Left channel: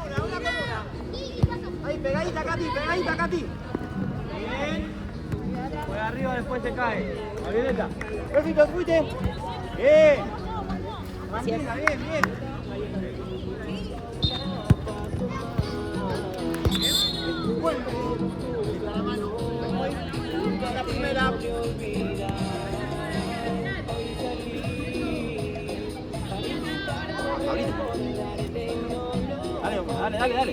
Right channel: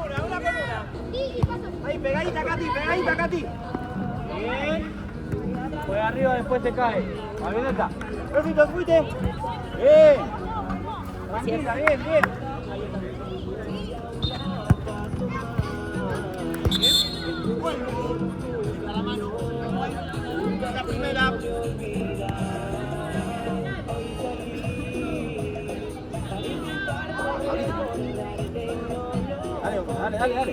una con una. Ahí, pegadita, Katy, pegadita, Katy. Bien. Por arriba después te cae. Marioneta. Éxito, fuiste. Bien. Tranquila, bien, bien. Dale, dale, dale.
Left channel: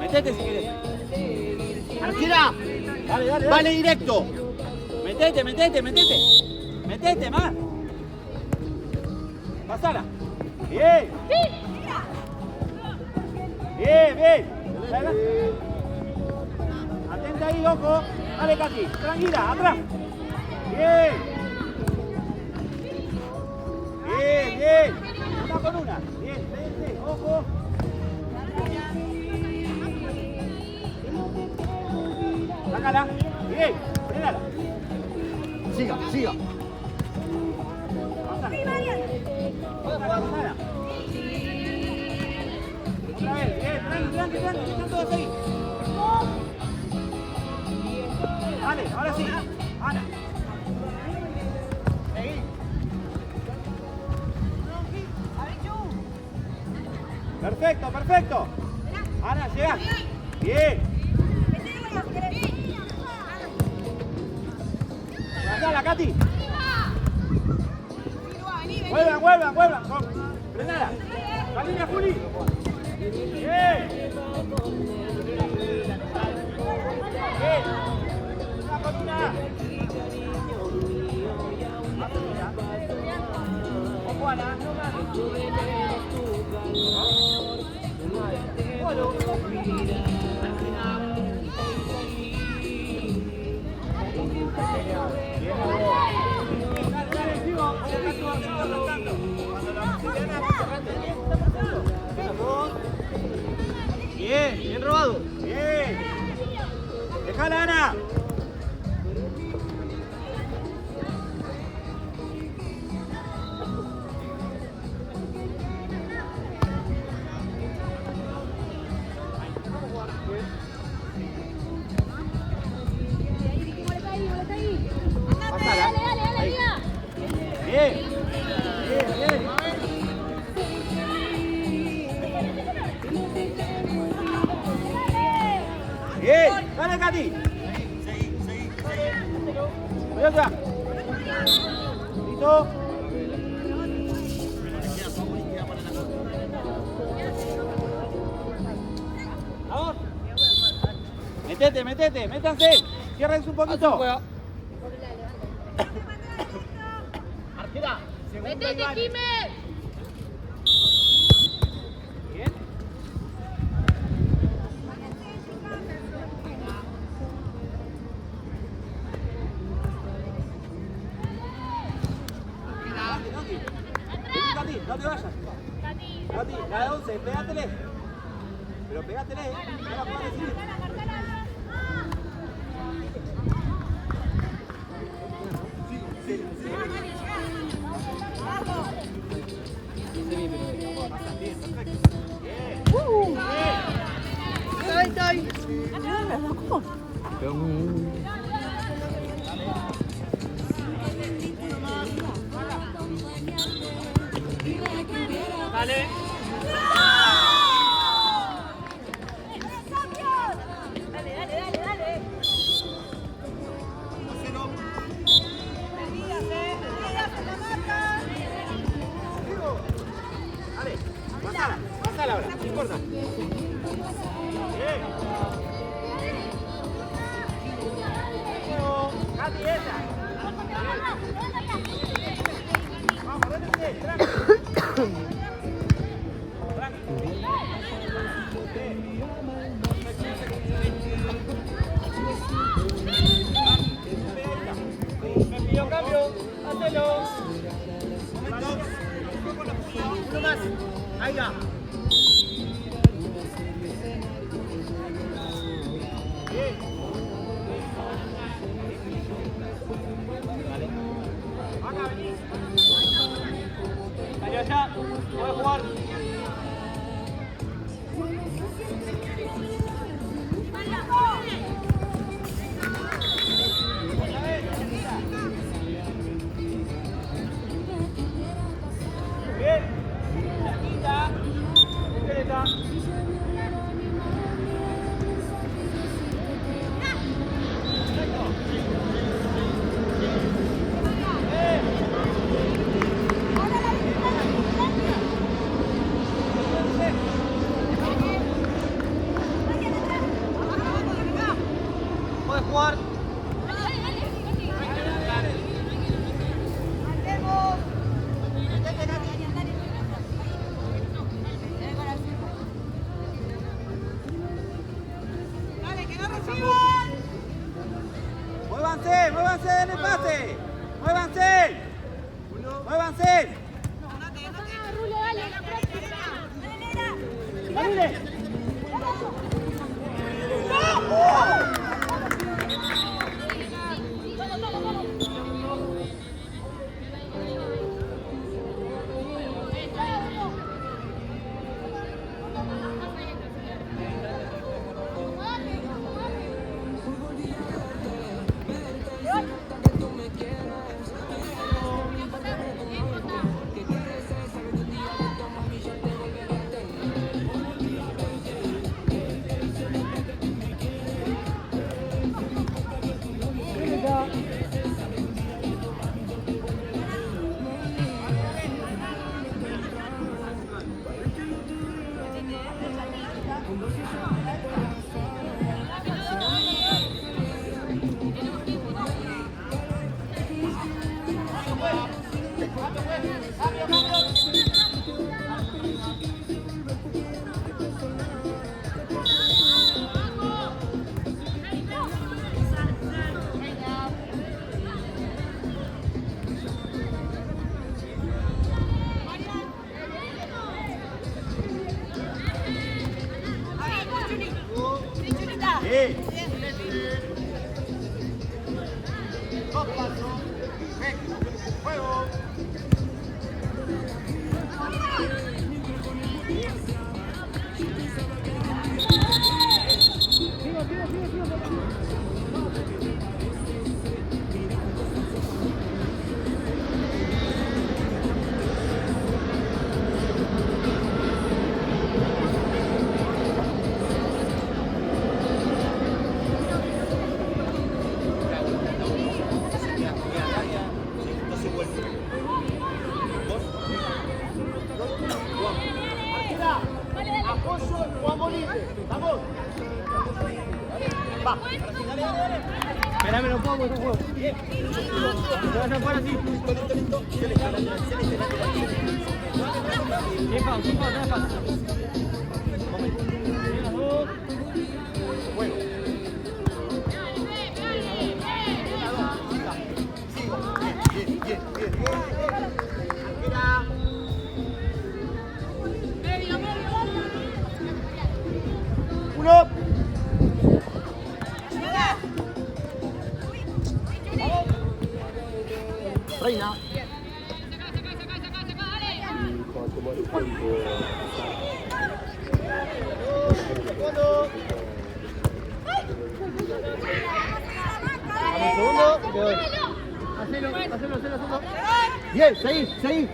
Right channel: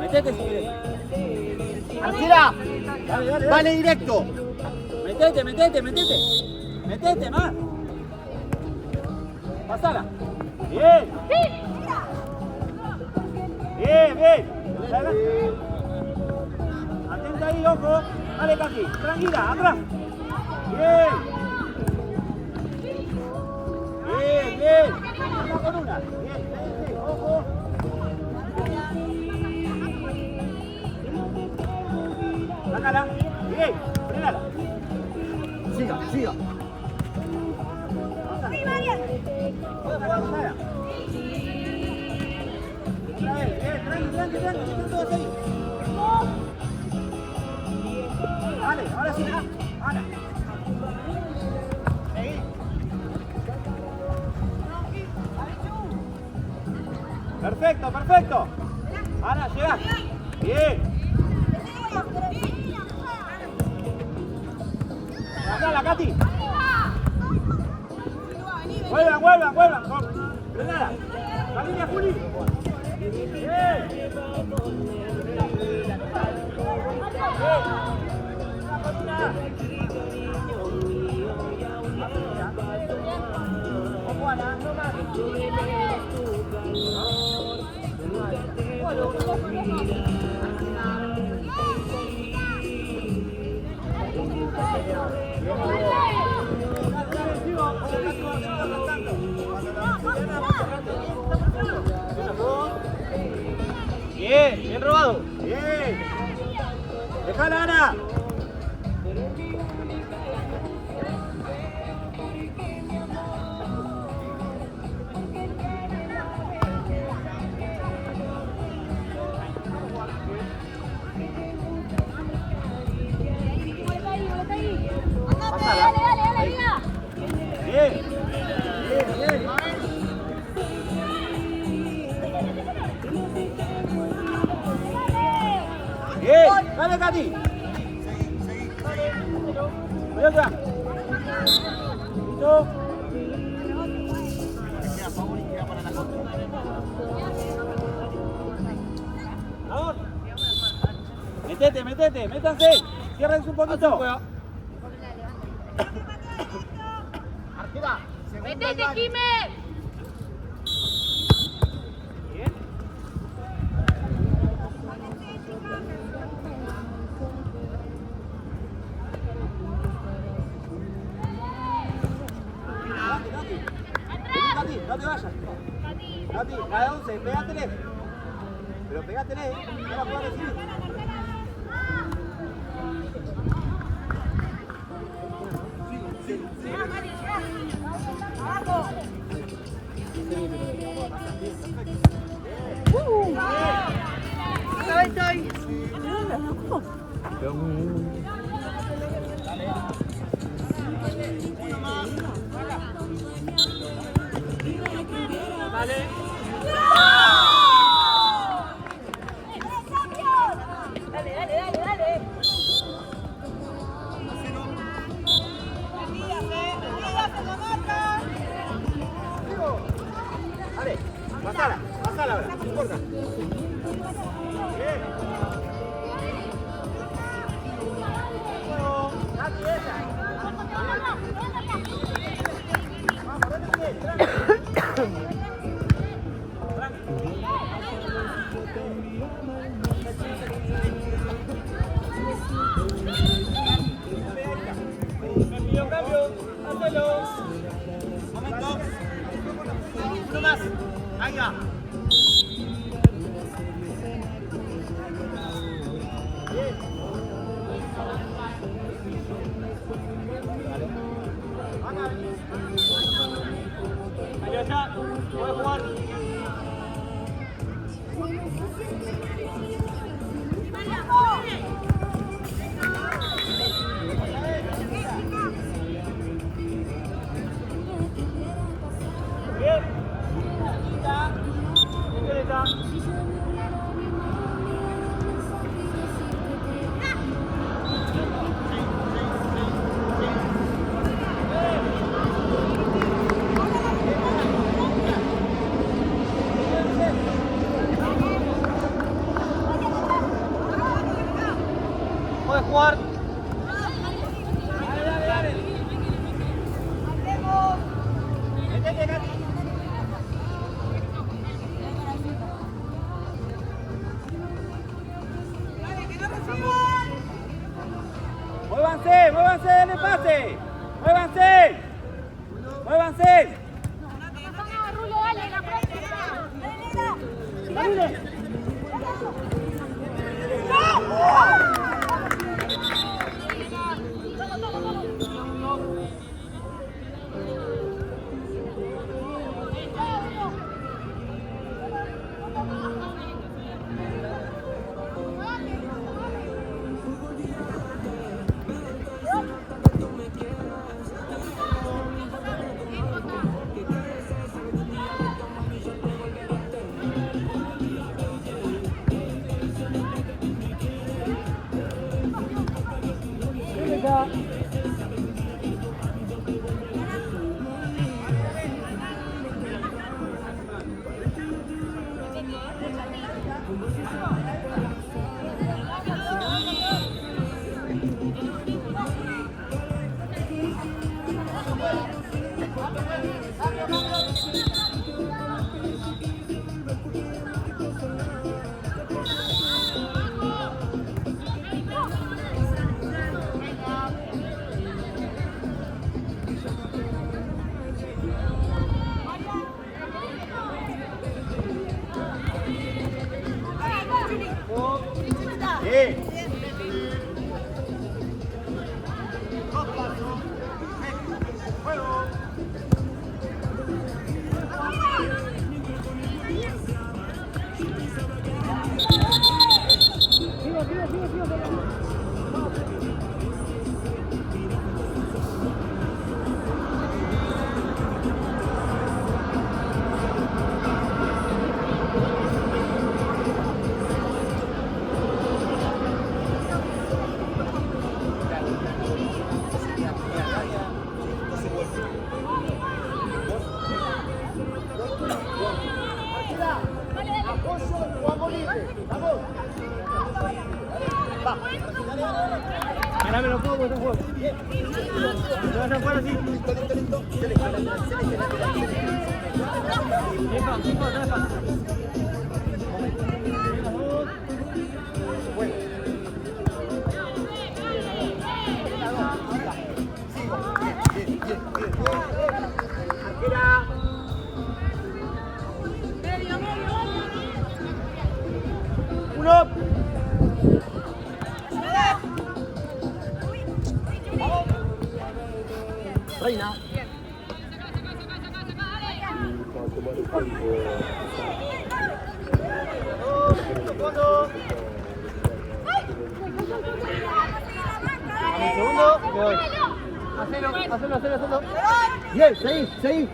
Metete si querés. Arquera. Dale, dale, vale directo. Metete, metete, metete. Metete más. Pasala. Bien. Bien, bien. Atenta ahí, ojo. Dale, Katy. Tranquila, atrás. Bien. Bien, bien. Vamos con una. Bien, bien, ojo. Sácala. Bien, frenala. Siga, siga. Pasala, pasala. Otra vez, bien, tranqui, están todos ahí. Vale, ahora sí. Ahora. Seguí. Perfecto, perfecto. Ana, llega. Bien. Pasala, Katy. Vuelvan. Frenala. La línea, Juli. Bien. Ojo, Ana, no más. Bien, bien robado. Bien. Dejala, Ana. Bien. Bien, dale, Katy. Seguí. Cuidado ya. Listo. Queda a favor y queda para la contra. Vamos. Metete, métanse. Cierren un poquito. Arquera. ¡Metete, Jiménez! Bien. Katy, no te vayas. Katy, la de 11, pégatelé. Pero pégatelé, no la puedo decir. ¡Llegá, Mari, llegá! ¡Abajo! Bien, perfecto. Dale. Dale. Pasala ahora, no importa. Bien. Katy, esa. Vamos, vete, tranqui. Ahí va. Bien. Dale. Dale allá. Déjalo jugar. Bien. Cerquita. Cerquita. Puedes jugar. Muévanse, muévanse en el pase. Muévanse. Muévanse. Dale. Apoyo, jugamos libre. Vamos. Va. Espera que lo pongo, tú juego. Bien. Lo vas a jugar así. Listo. Bueno. Bien. Mira. Uno. Reina. Hacelo. Bien, seguí.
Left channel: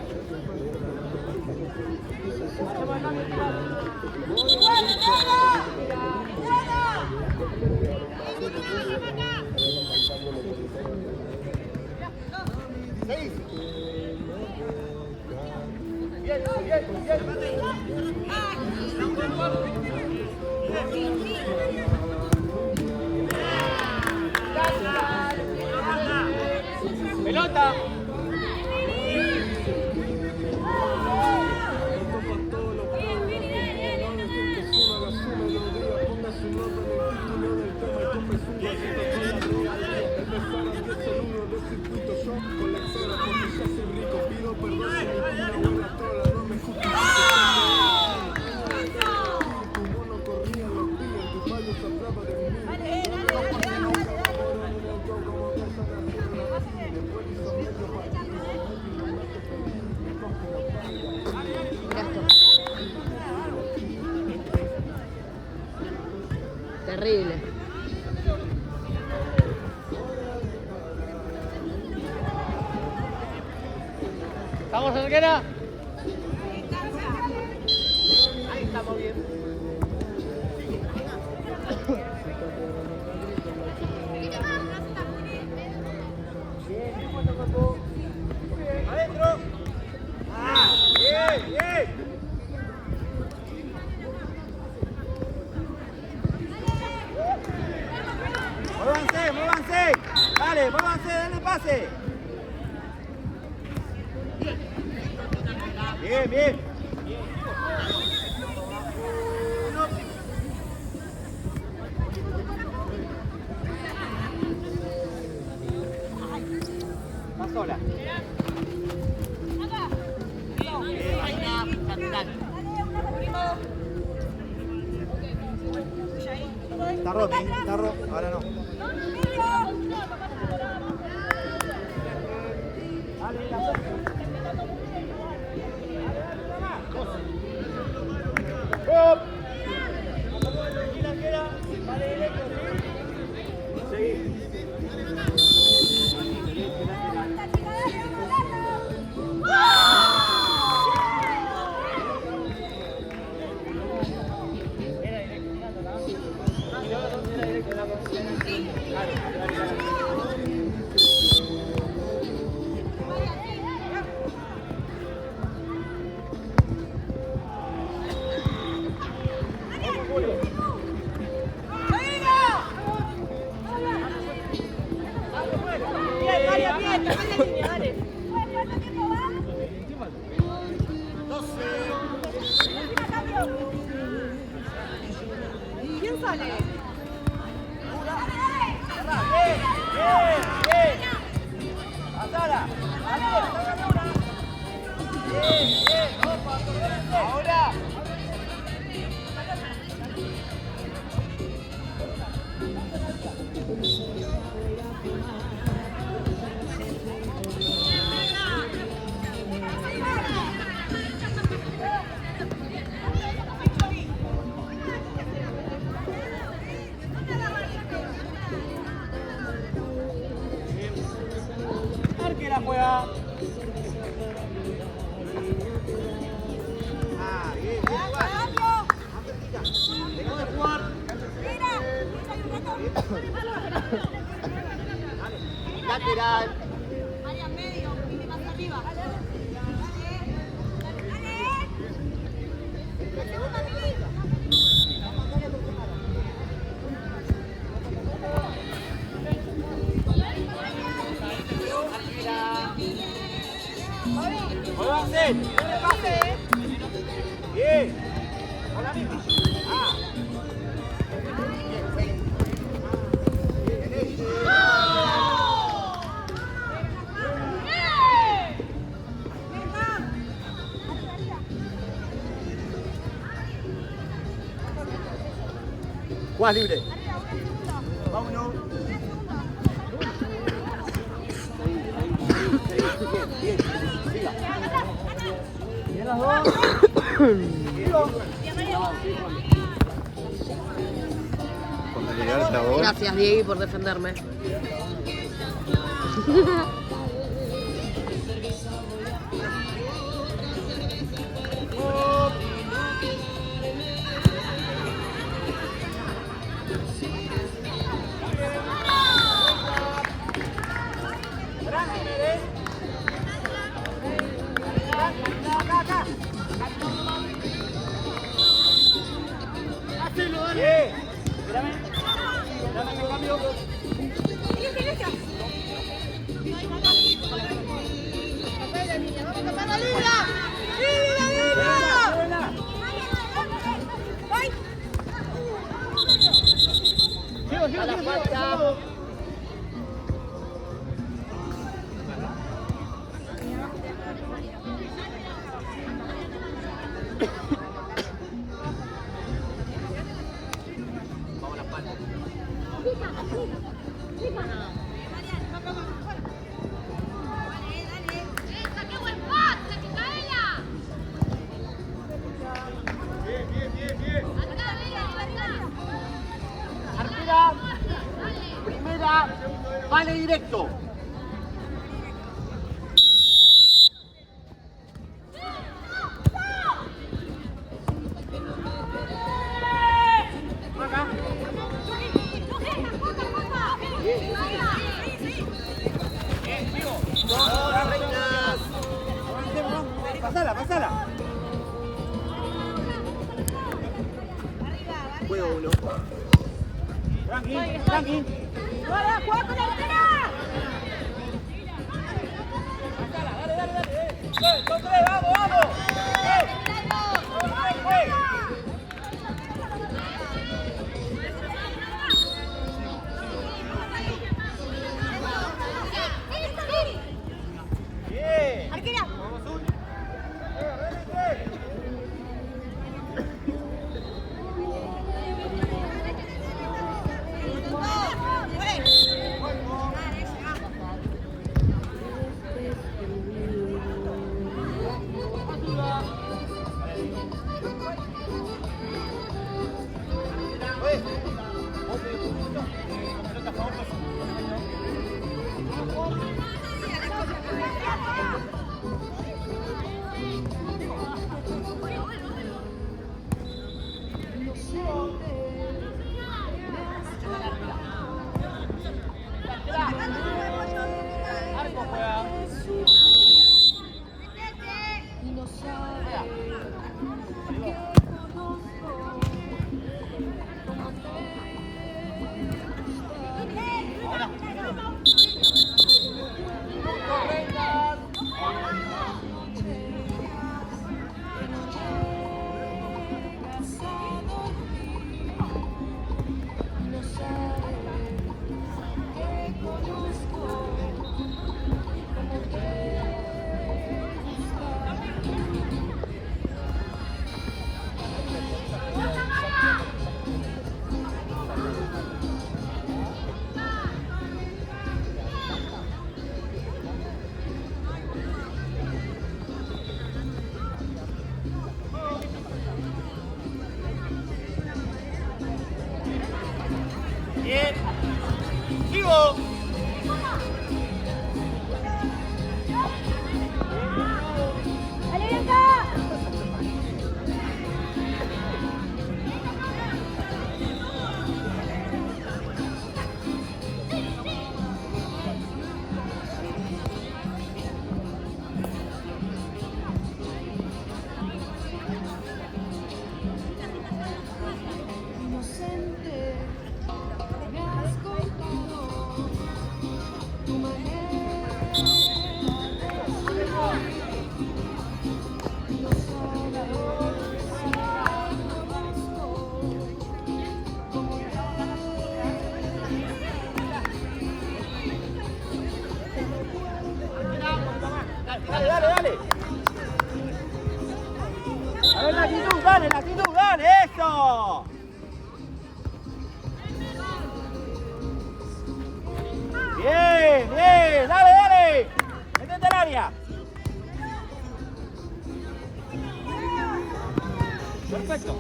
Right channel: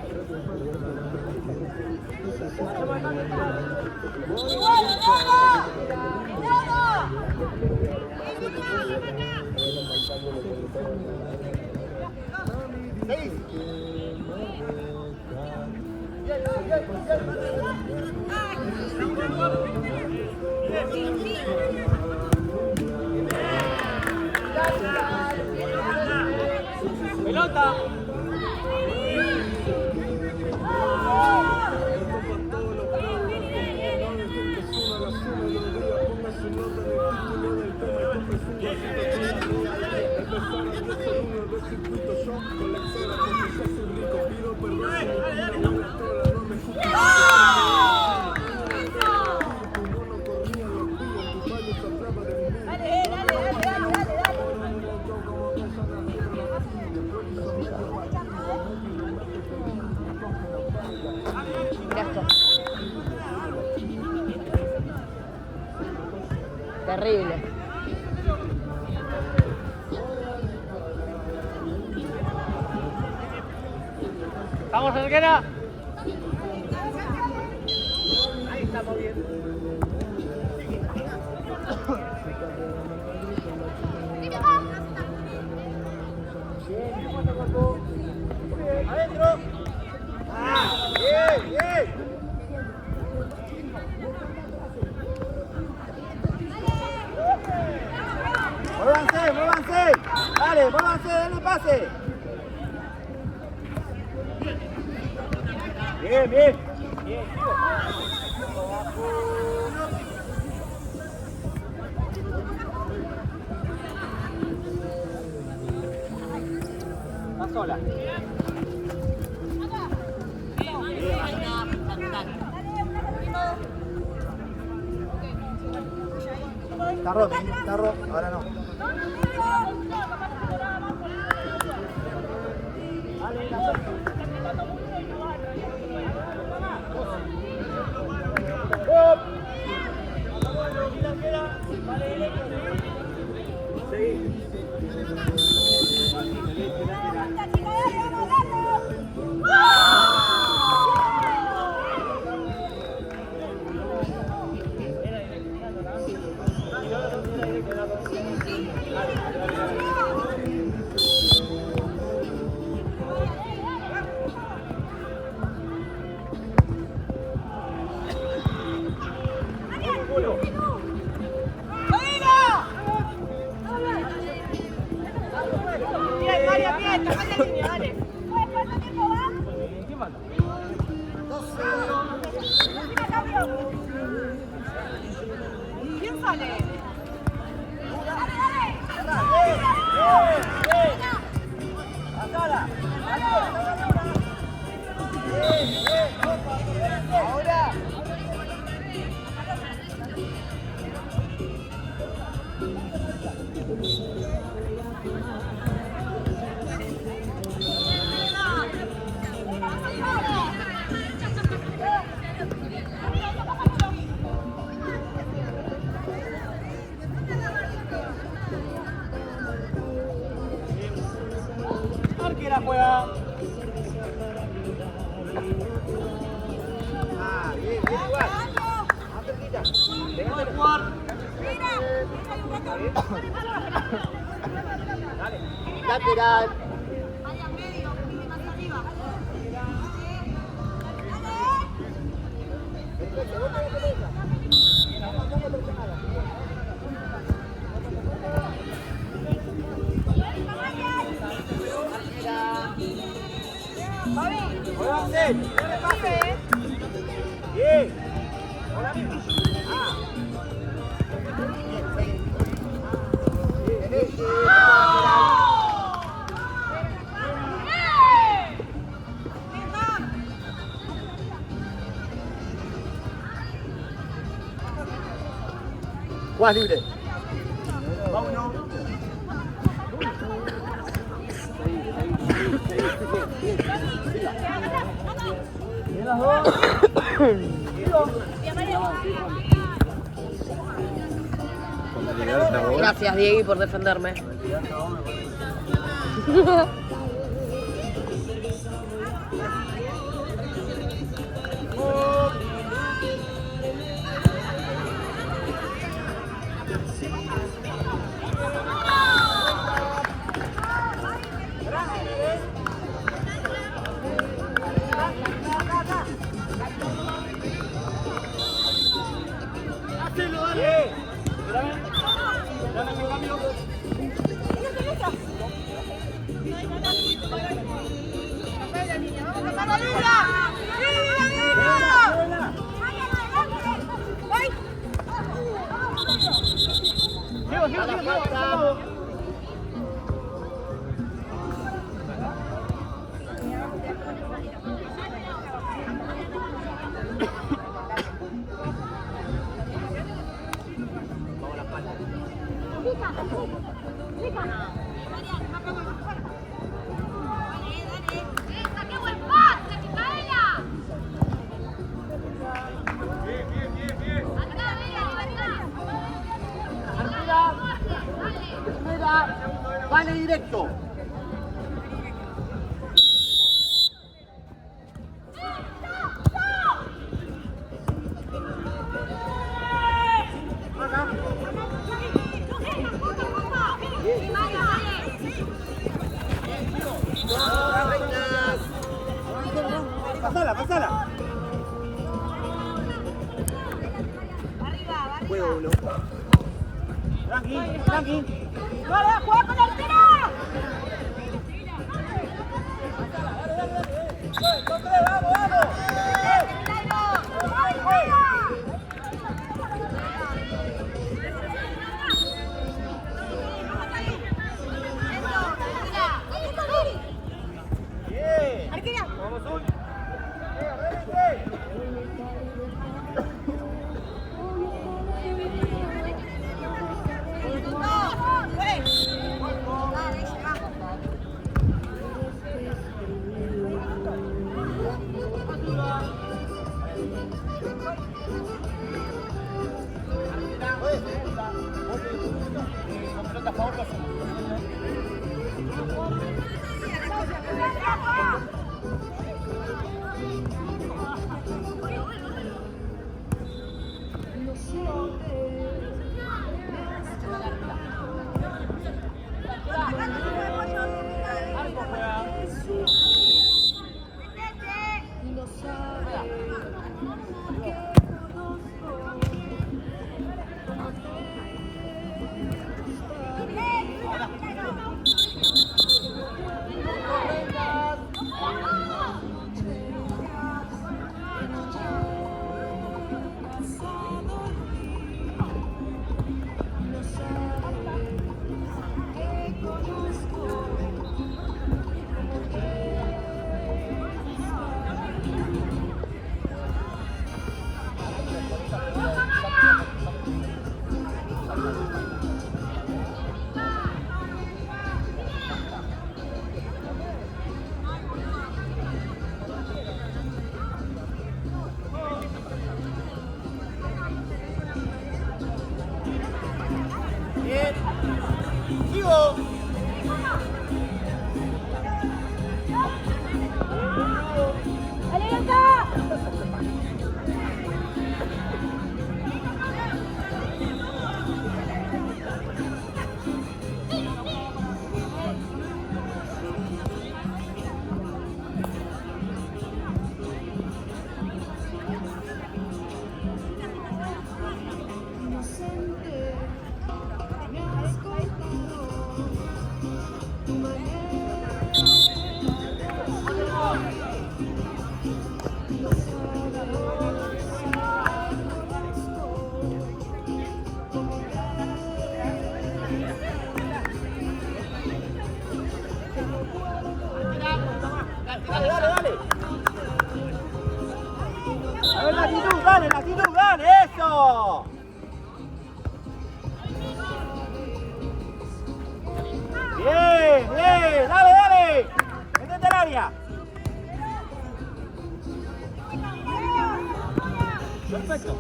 Pelota. Dale. Mira esto. Terrible. Vamos, Cerquera. Ahí estamos bien. Adentro. Bien, bien. Muévanse, muévanse. Dale, muévanse, dale pase. Bien, bien. Está sola. Está roto, está roto. Ahora no. Arquera juega. Lateral. Área medio, más arriba. Muévanse, denle pase. Bien. Hola, misma. Juan libre. Vámonos. Gracias, Diego, por defenderme. directo. Acá. Pasala, pasala. Juego uno. Tranqui, tranqui. ¡Vale, juega con el tiro! ¡Vamos, vamos! Bien. Arquera. Vamos, Zul. Bien. Sigo. Dale, dale, dale. A ver, latitud, dale, eso. Bien, bien, dale, dale. Métete al área. Perfecto.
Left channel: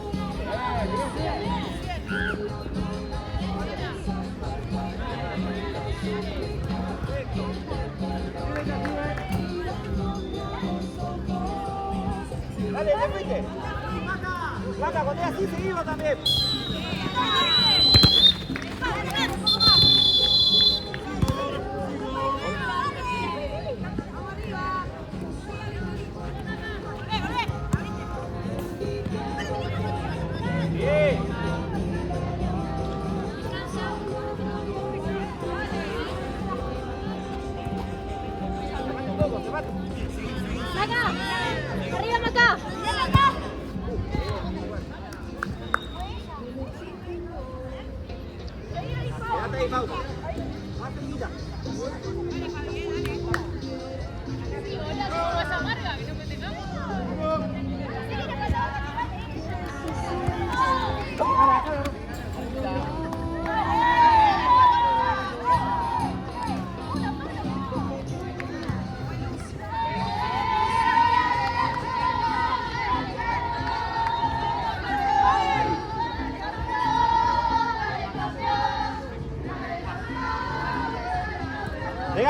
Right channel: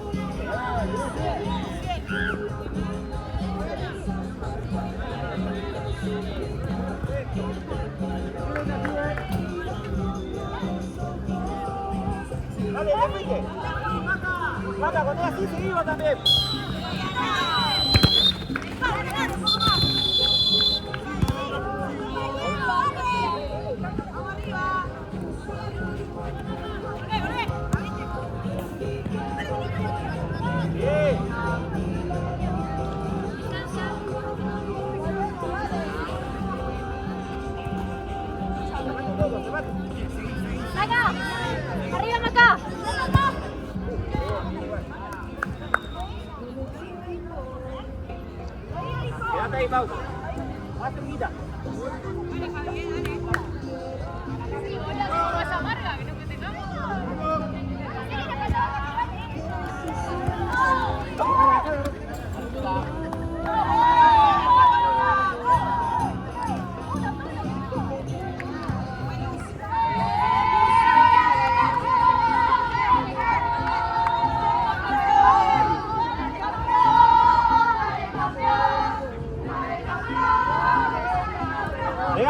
Dale, repite. Mata, cuando es así, seguimos también. Bien. Arriba, Maca. Quédate ahí, pausa. Más cerquita. Dale, Javier, dale.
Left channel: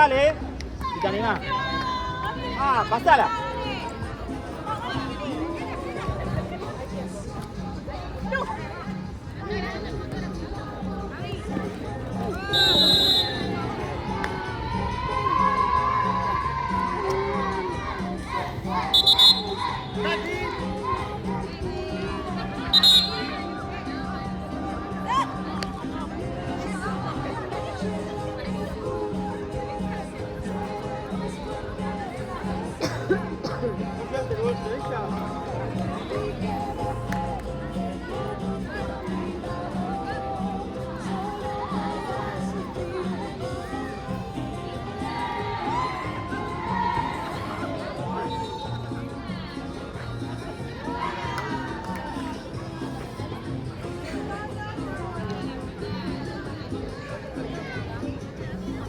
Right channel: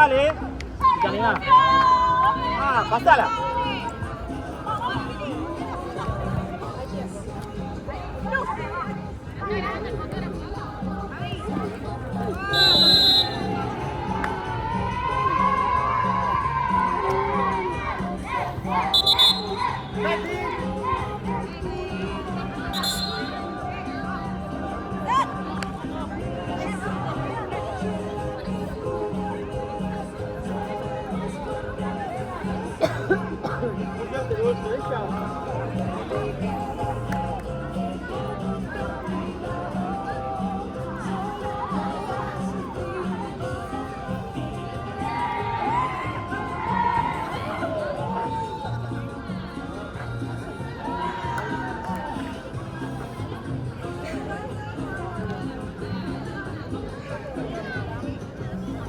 dale. Dale más. Ah, pasala.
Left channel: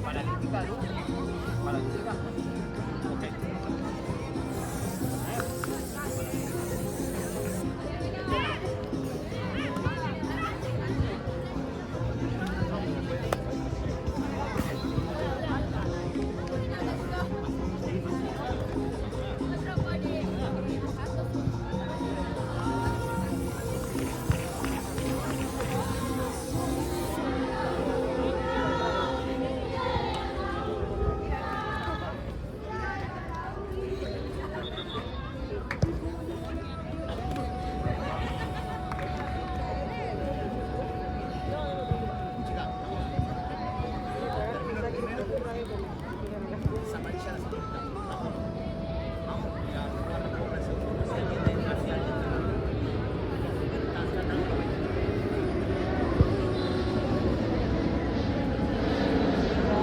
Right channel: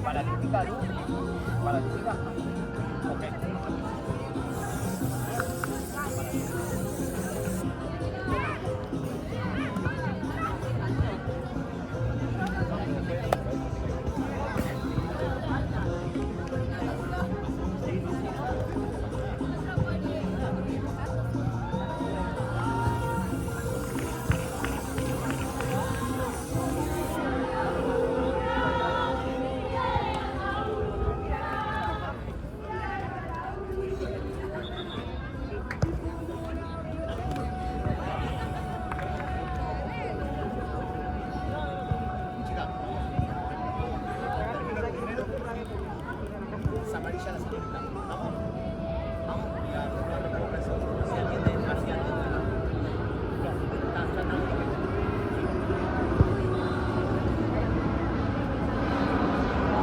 Paralítica, ¿no? Paralítica. Ok. Termino el primero. Es amarilla la señorita. Vamos. Vamos. Y la recuerdo el segundo. Hacia el diente. Hacia el diente. No.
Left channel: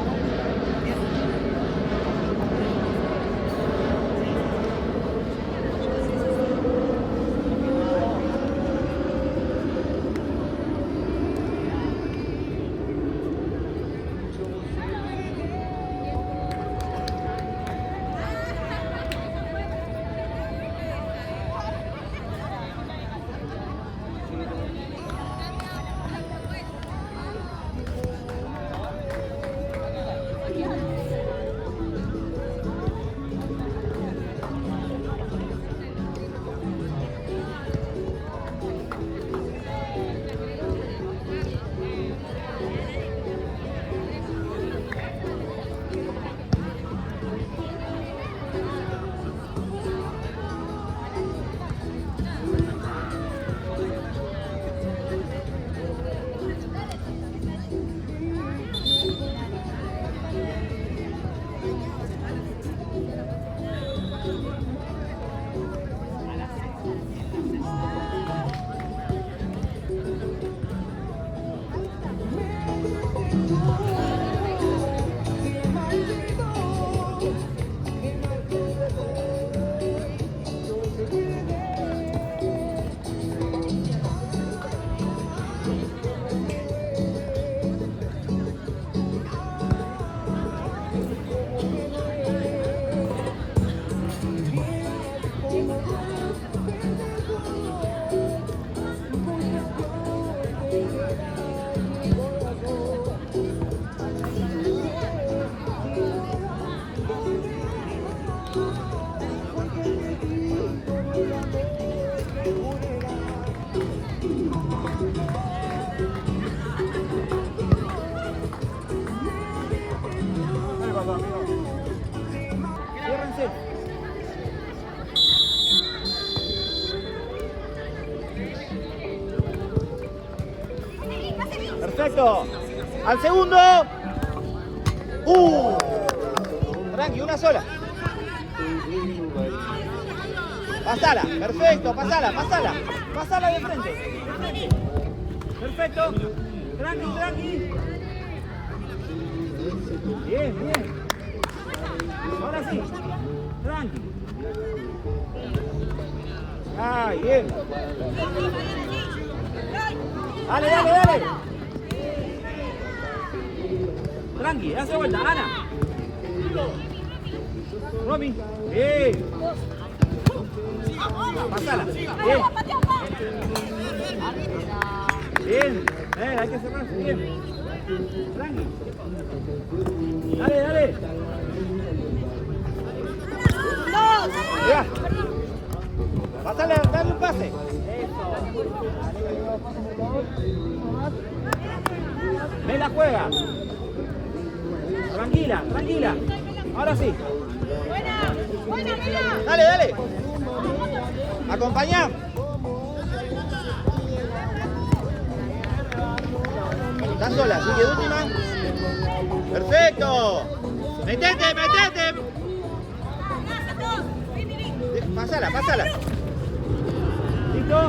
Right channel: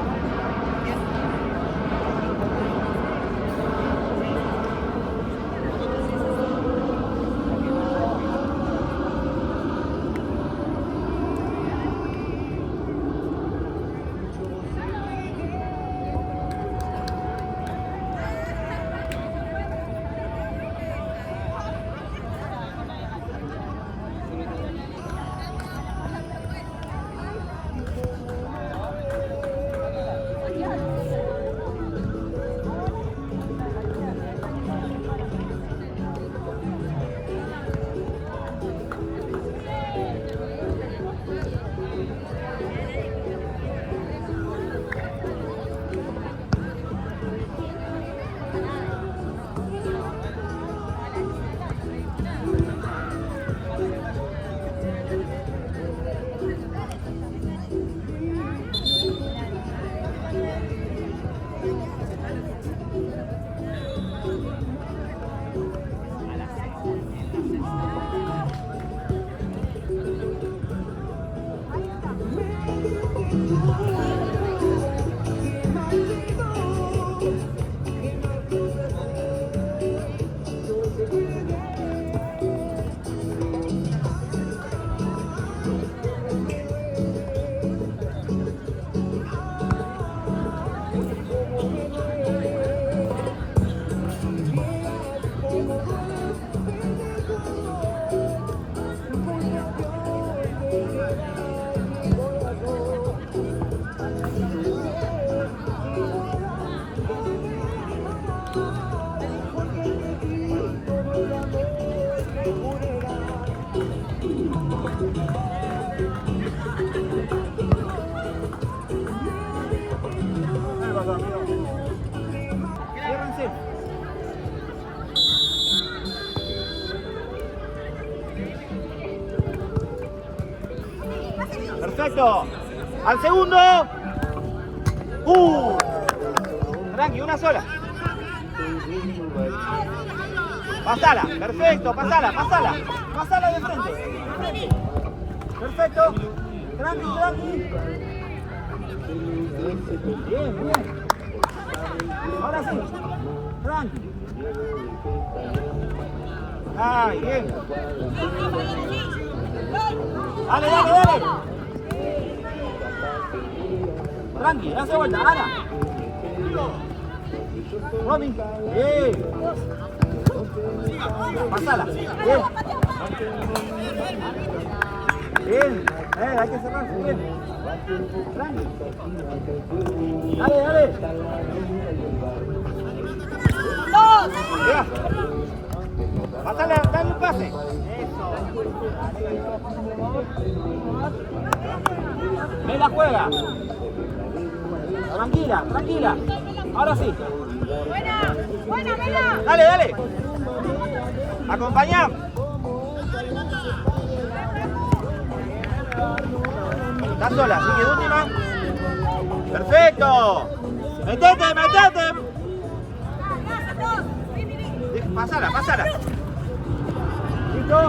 Perfecto. Al segundo. Tranqui, una sola. Pasala, perfecto, pasala. Pasala de frente. Perfecto. Tranqui. Bien. Ahora sí. Tranqui. Ay, bien. Dale. Tranqui, hace vuelta, Ana. Romy, bien. Pasala, bien. Bien, hay que cerrar, bien. Tranqui. Dale, dale. Ya. Dale un pase. Me la juega. Tranquila, tranquila. Ahora sí. Dale, dale. Acompañá. Está sola, sigue última. Perfecto. Metete. Pásala. ¿Listo?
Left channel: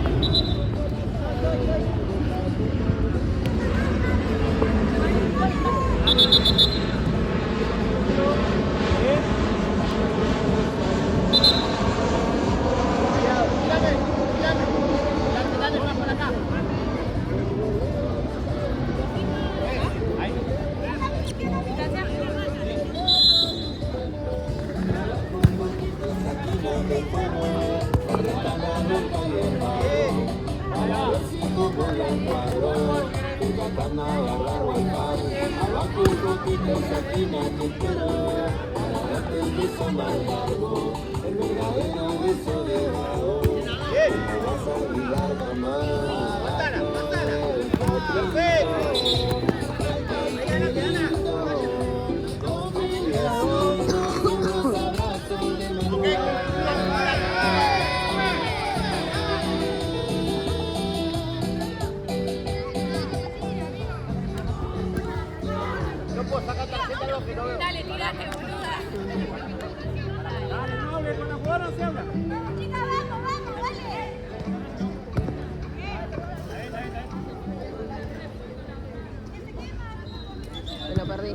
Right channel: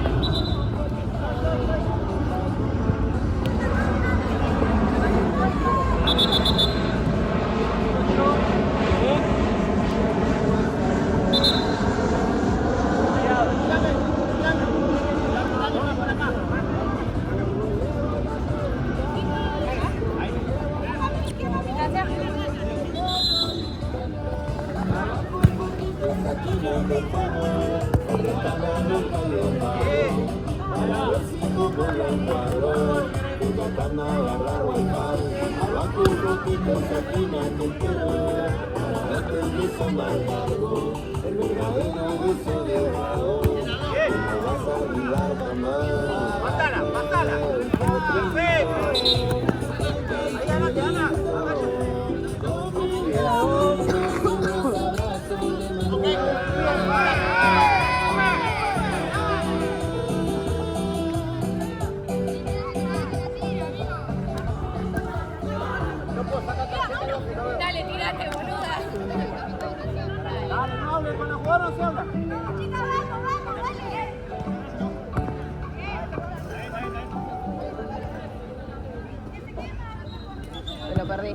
Dale, tirate, boluda. Dale, no hable con la jugadora, no se habla. Me lo perdí.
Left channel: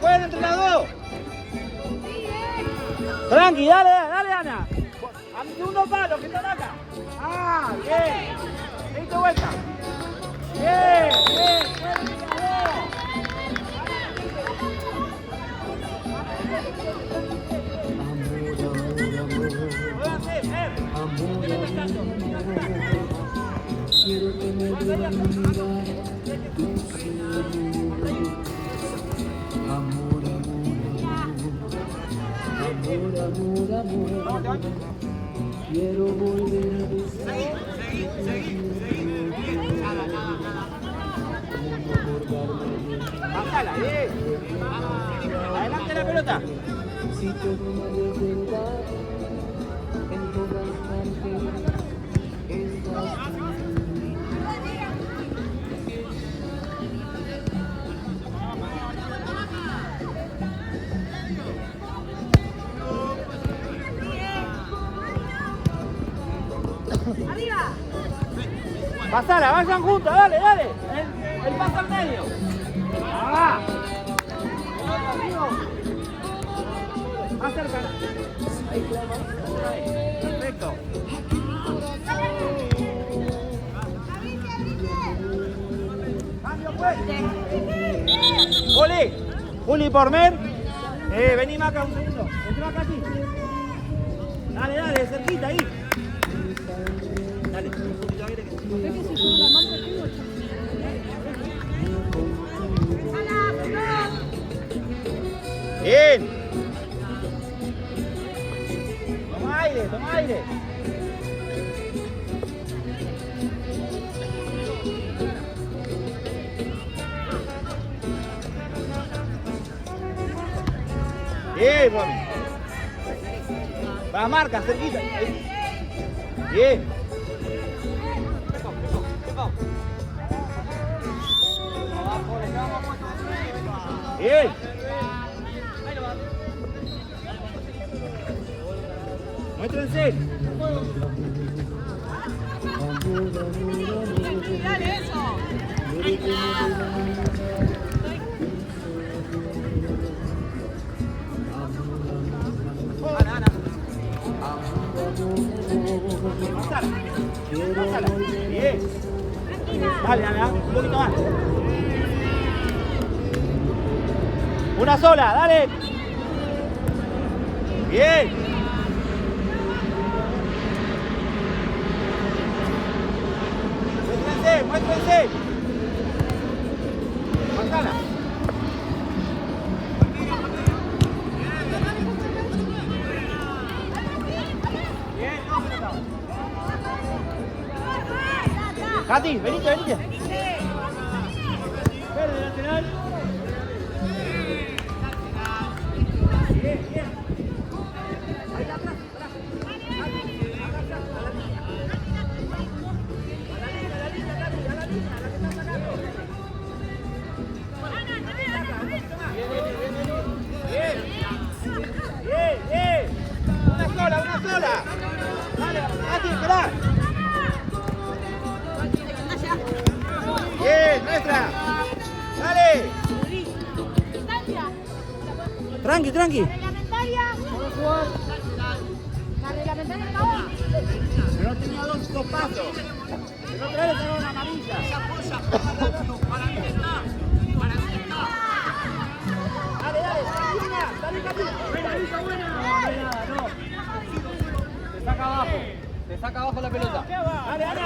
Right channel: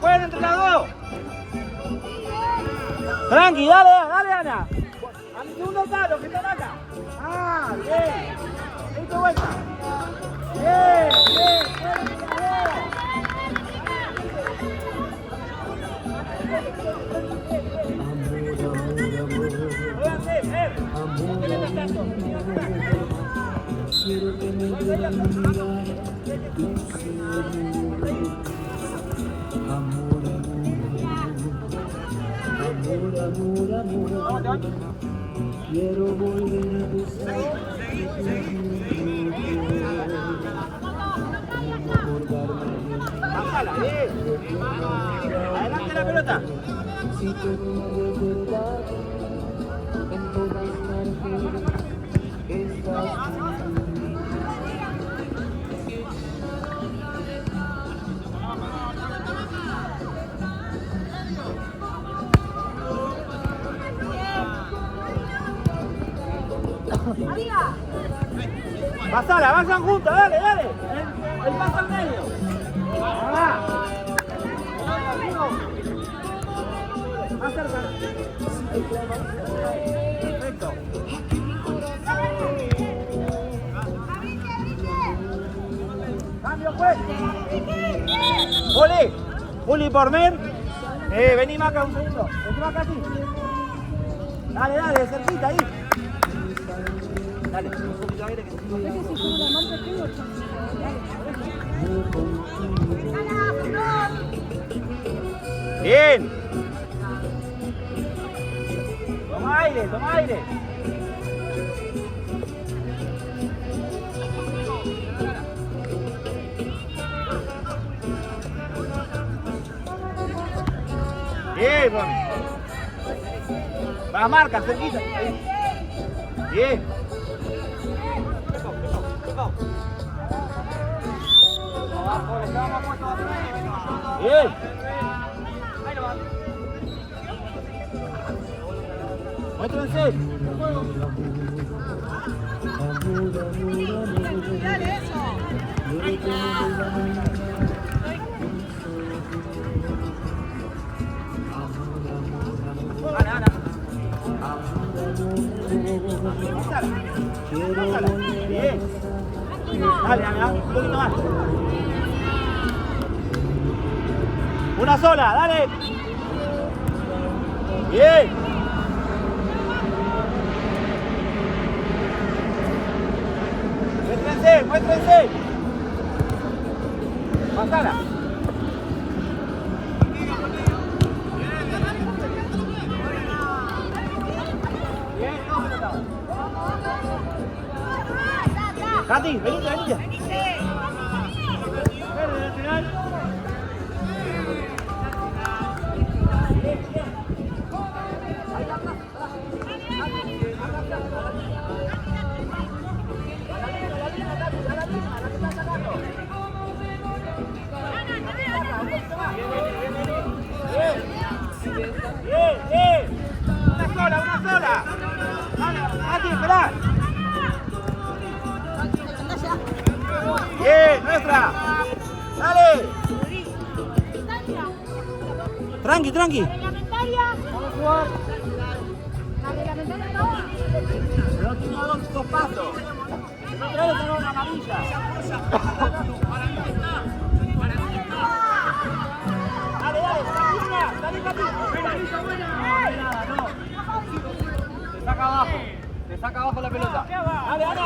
Jueguen entre las dos. Tranqui, dale, Ana. Al segundo palo, que están acá. Ah, bien. Listo, vuelta. Bien, jueguen entre las dos. Jueganse, no te metas tanto. Quiero volver a Bájala, bien. Adelante la pelota. Si todo de verdad en todas partes estás Pasala, vayan juntos, dale. El paso al medio. Ah. Acércala. Perfecto. Cambio fuerte. Juli por Mer. Vení Maca un segundo. Vení Maca a ti. Dale, cerquita ahí. Dale, un poquito de aire que se me Es que si pongo la marca tengo chance. Bien. Toma aire. Bien, mami. Para marca, cerquita. Bien. Bien. Muéstrense. Dale eso. Ana. Pasala. Pasala. Bien. Dale, Ana, un poquito más. Una sola, dale. Bien. Muéstrense, muéstrense. Pasala. Katy, venite, venite. Bien, nuestra. Dale. Tranqui, tranqui. Pero tengo dos pasos. No tengo una amarilla. Se apoya. Para mí está. Para mí está. Dale, dale. Dale, Katy. Te saca abajo. Te saca abajo la pelota. Dale, dale.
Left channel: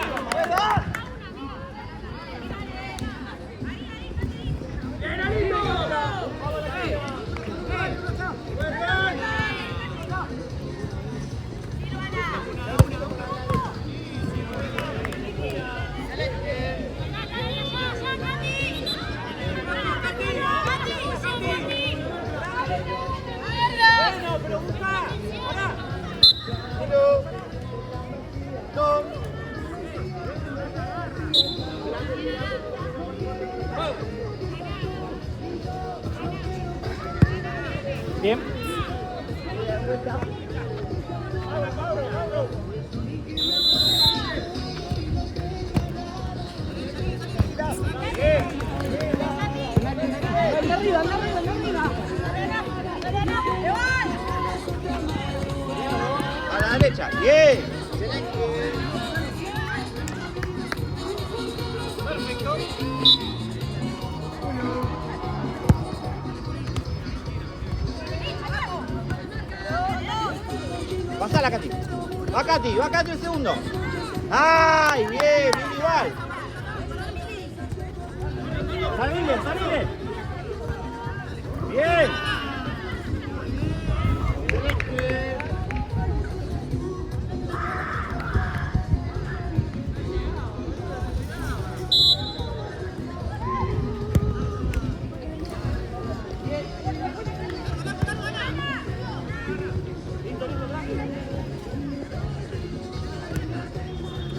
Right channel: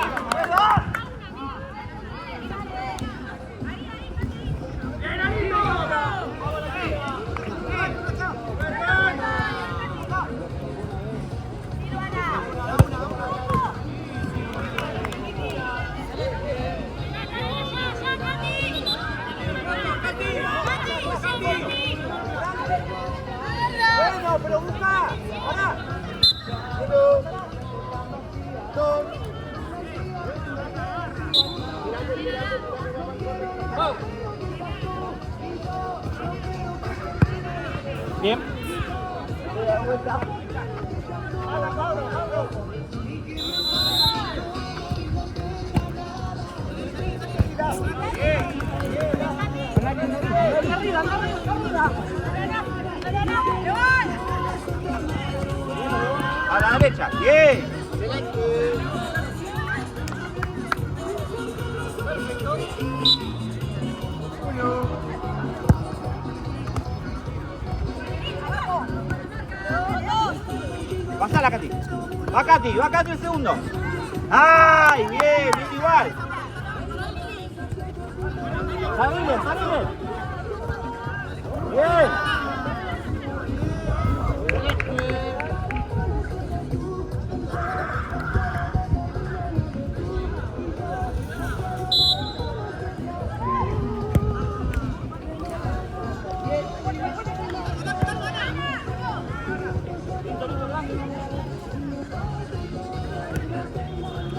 Bueno, pero busca. Pará. 1, 2. Bien. A la derecha. Bien. Pasala, Katy. Va Katy, va Katy el segundo. ¡Ay! Bien, bien igual. Salile, salile. Bien.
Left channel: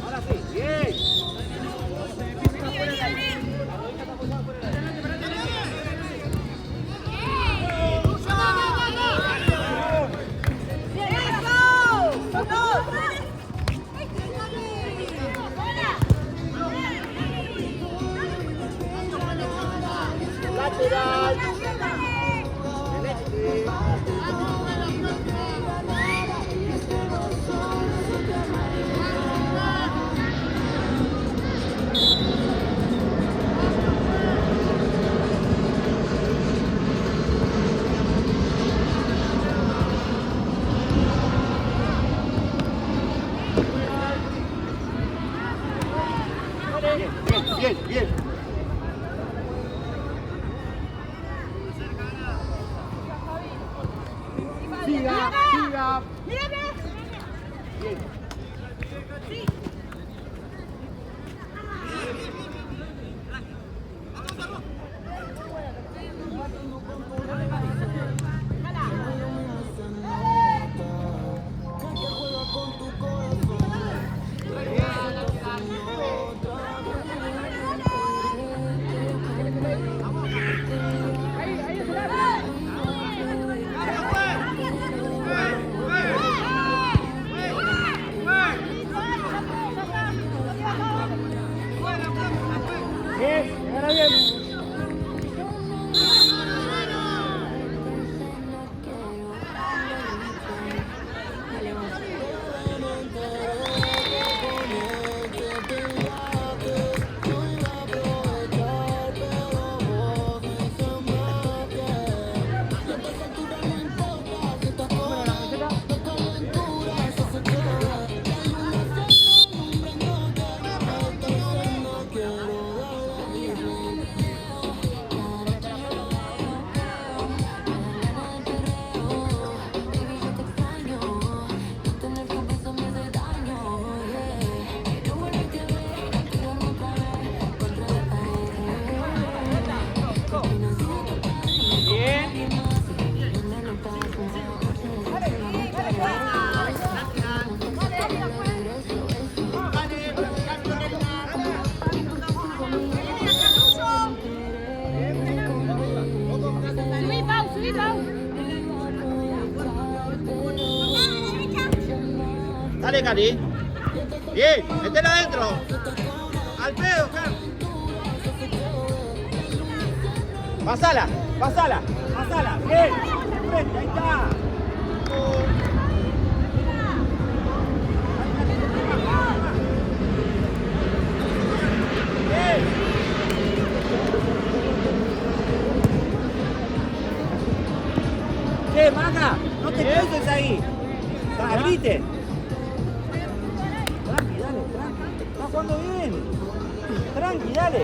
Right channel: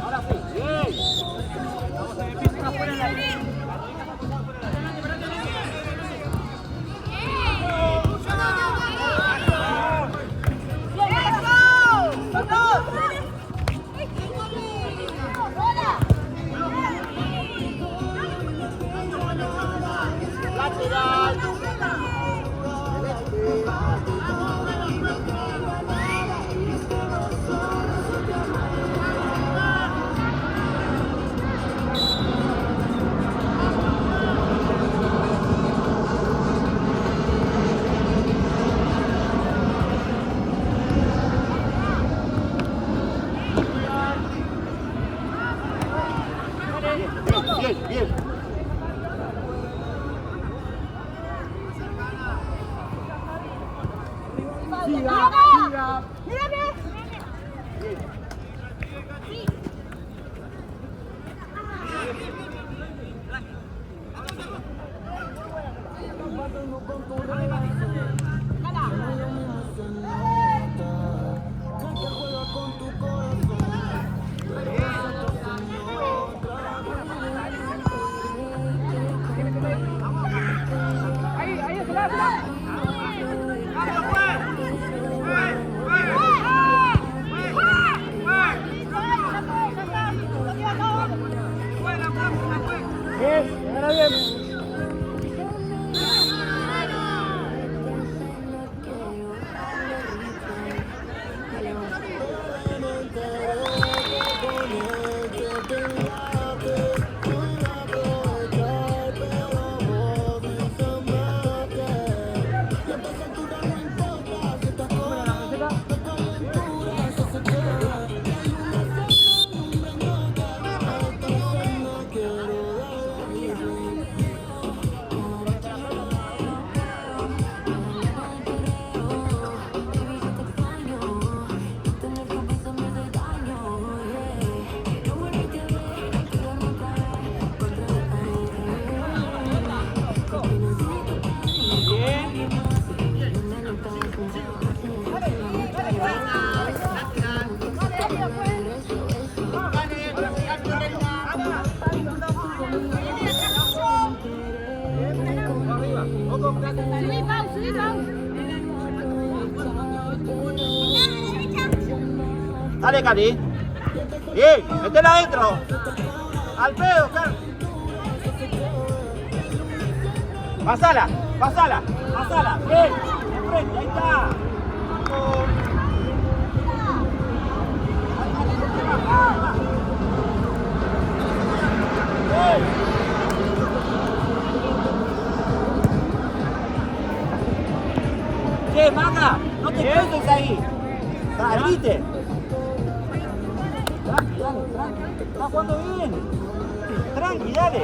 Ahora sí, bien. Bien, bien. Siga, siga. Bien. Dale, Cali. Bien, métela adentro. Al pedo, Carlos. Pasala, pasala, pasala. Bien, bien, ahí está. Che, Maga, no te quedes ahí. Salite. Tranqui, dale, tranqui. Está jugando bien. Tranqui, dale.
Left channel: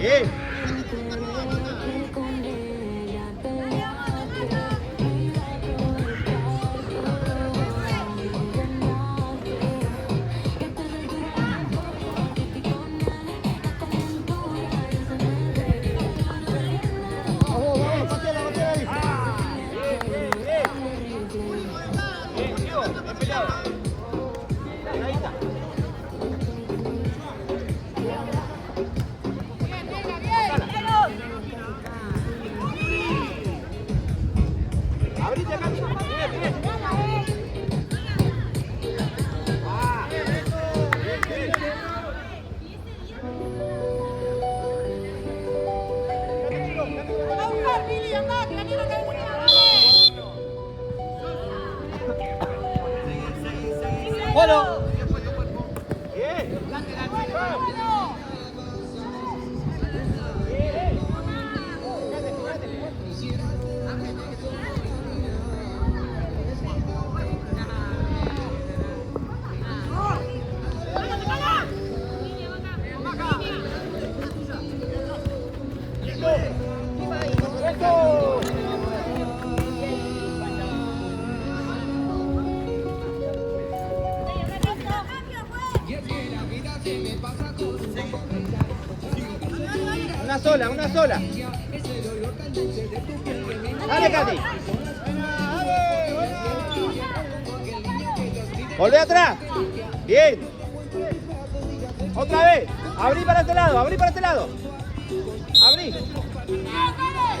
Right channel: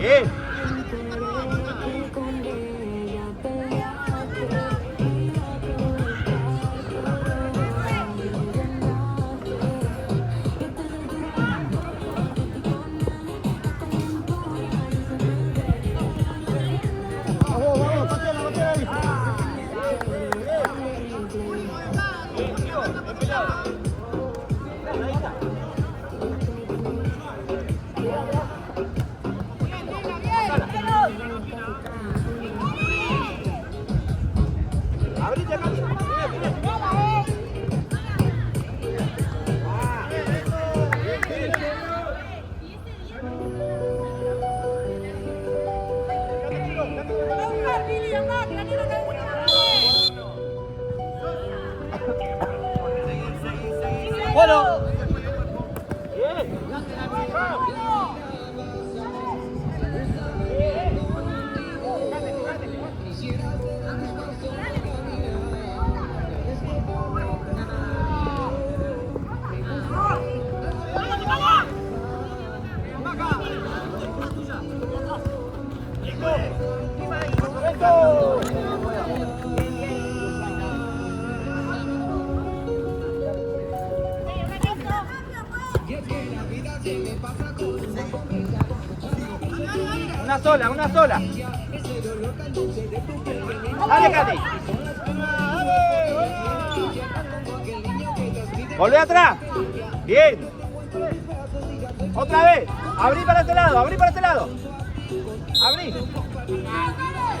Bien. Bueno. Bien. Una sola. Dale, Katy. Volvé atrás. Bien. Otra vez. Abrí para este lado, abrí para este lado. Abrí.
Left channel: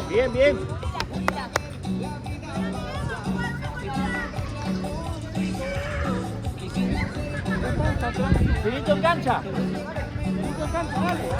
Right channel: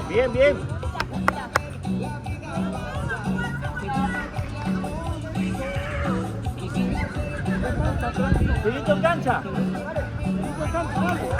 Bien, bien. Finito en cancha. Finito en cancha, dale.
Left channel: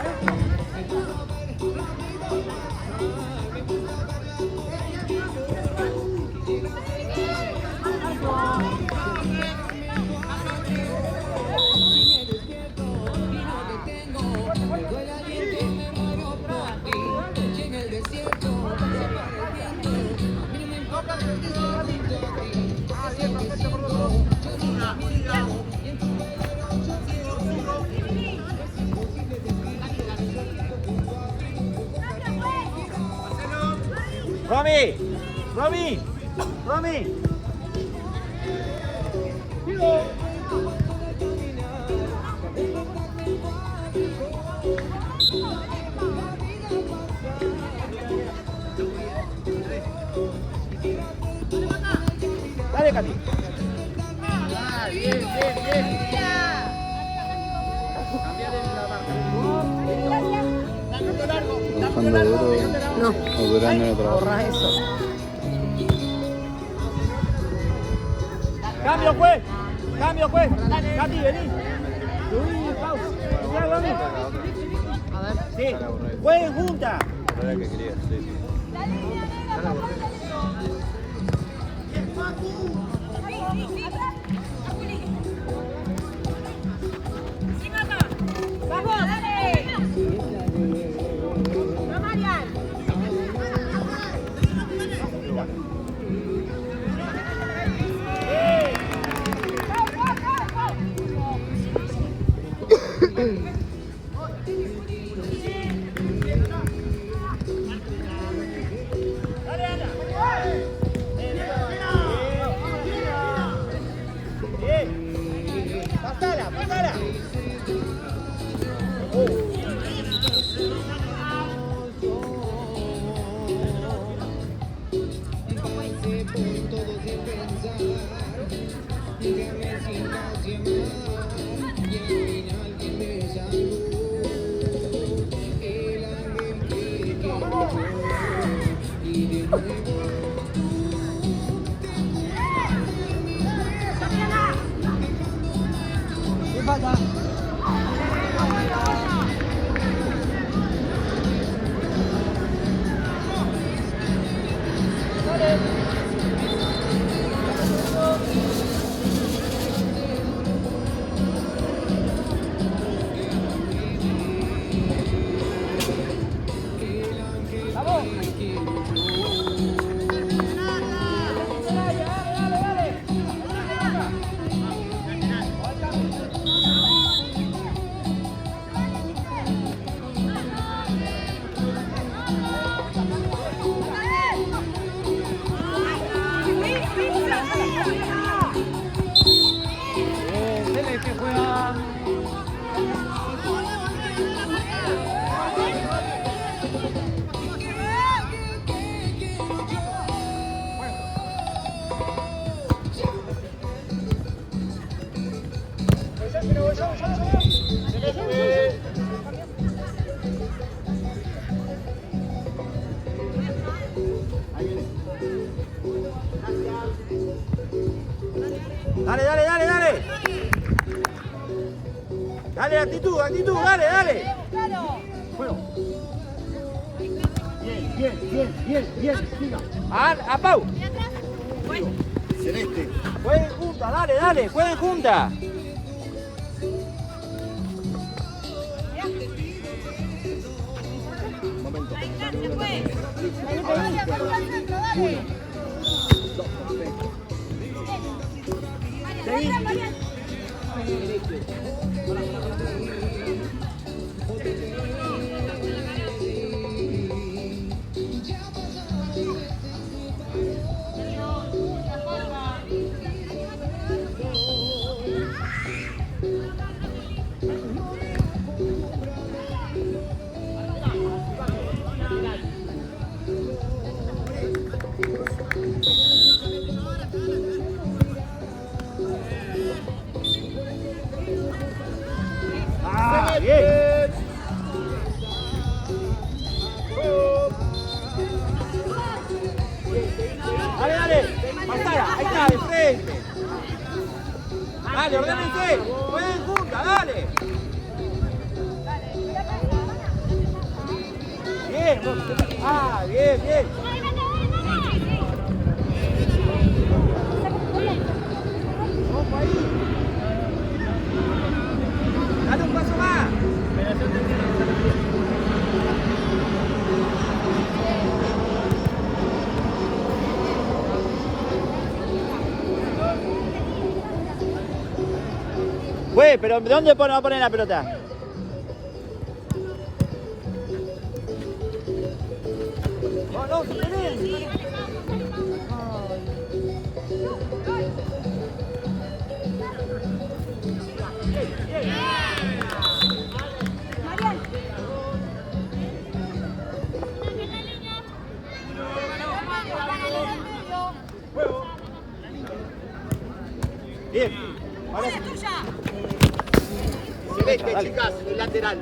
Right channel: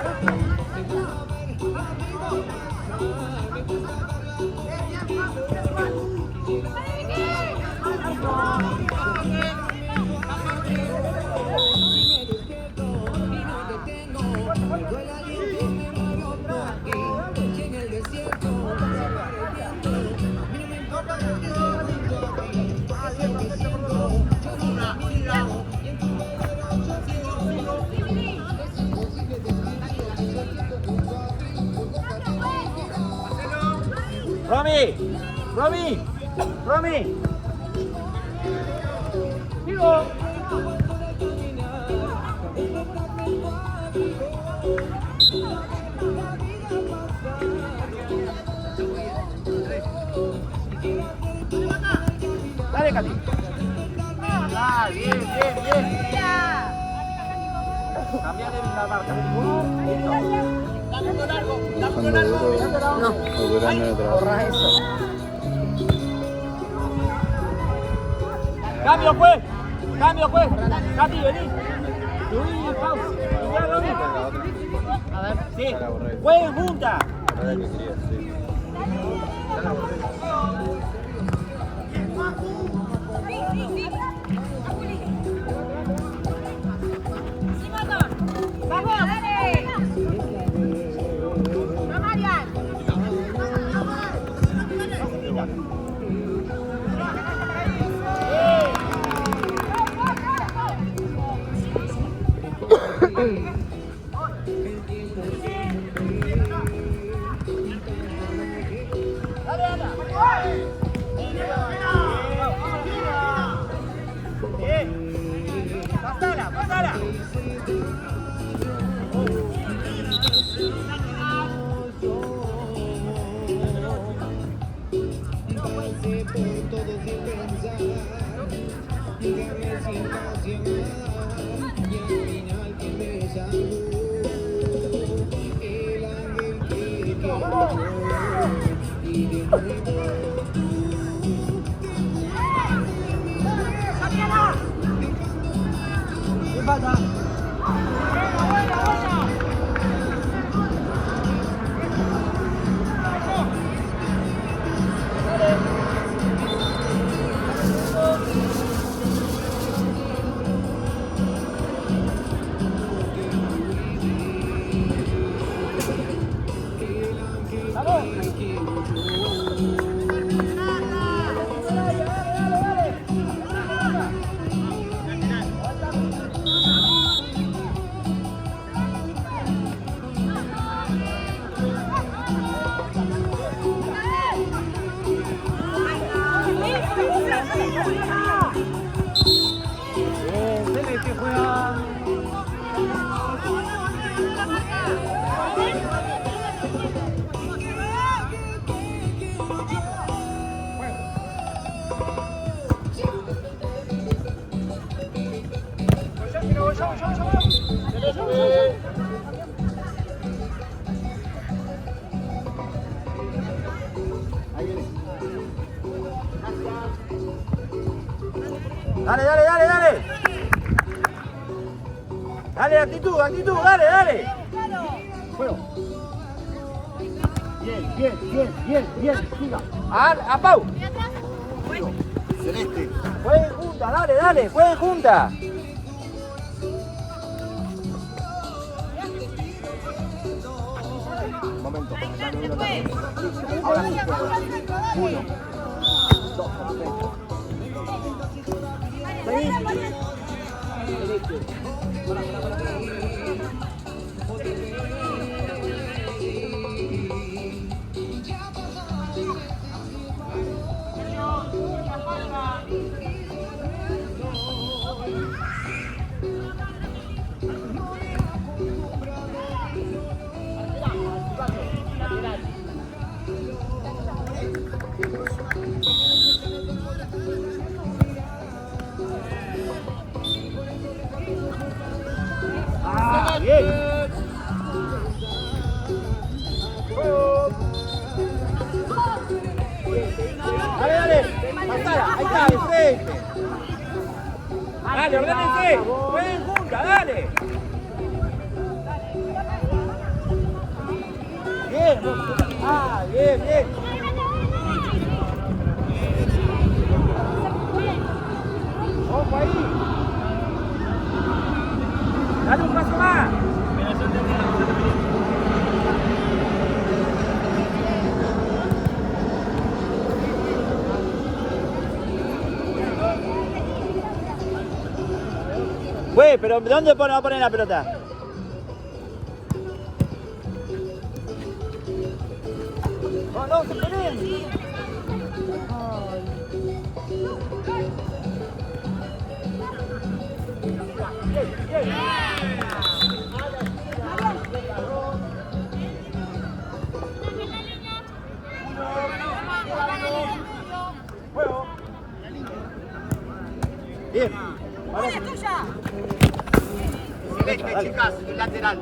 Romy. Dale, Katy. Cambiar la marca. Borra eso. Cambio, pues. Katy, vení. Subí, pausa. A ver. Sí, jueguen juntas. actitud, actitud, dale, dale. Juego. Bien, bien, bien, bien, bien, siga. A Pau. Celeste. Jueguen juntas, dale, dale, jueguen juntas. Un momento. Ahora sí, juego. 1, 2, perfecto. Seguí. Celeste. Para. Bien. Juego. Dale, dale. Ahí está, perfecto. Dale, ordenense. Jueguen juntas, dale. Bien. Bien, bien. Ojo ahí. Dale un paso más. Güey, pero ¿dónde va a poner la pelota? No, se peleen. Juego. Bien. ¡Una es tuya! Celeste, chicas, el lateral.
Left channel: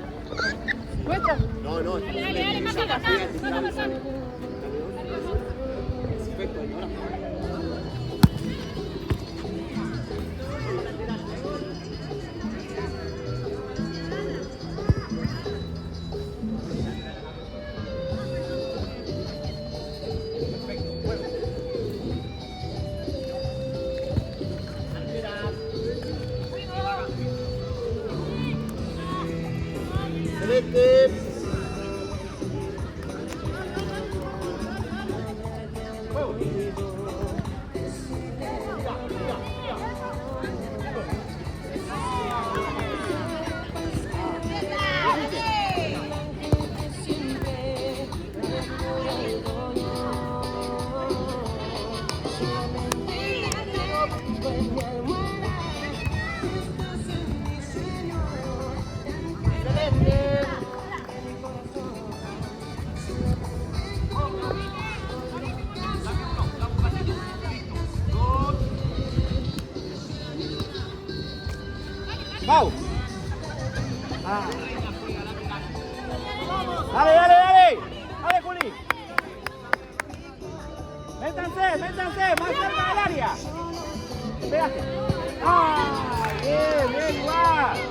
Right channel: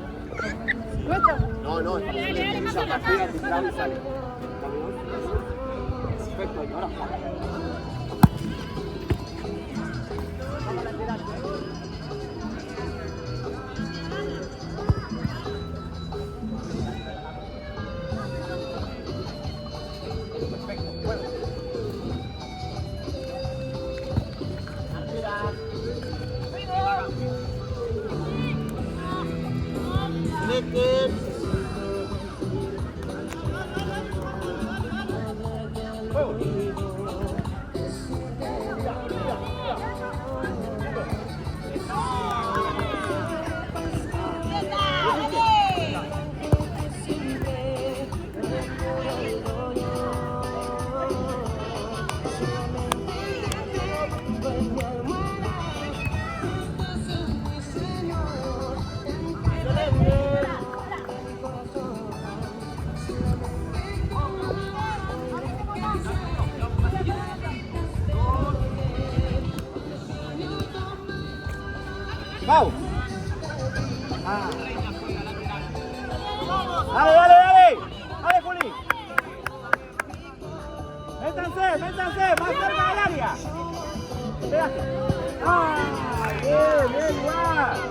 No, Dale, más acá, más acá. Perfecto, ahora vamos lateral. Perfecto, juego. Celeste. Juego. Pau. Dale, dale, dale. Dale, Juli. Métanse, más cerca del área. Espérate. ¡Ah! Bien, bien, igual.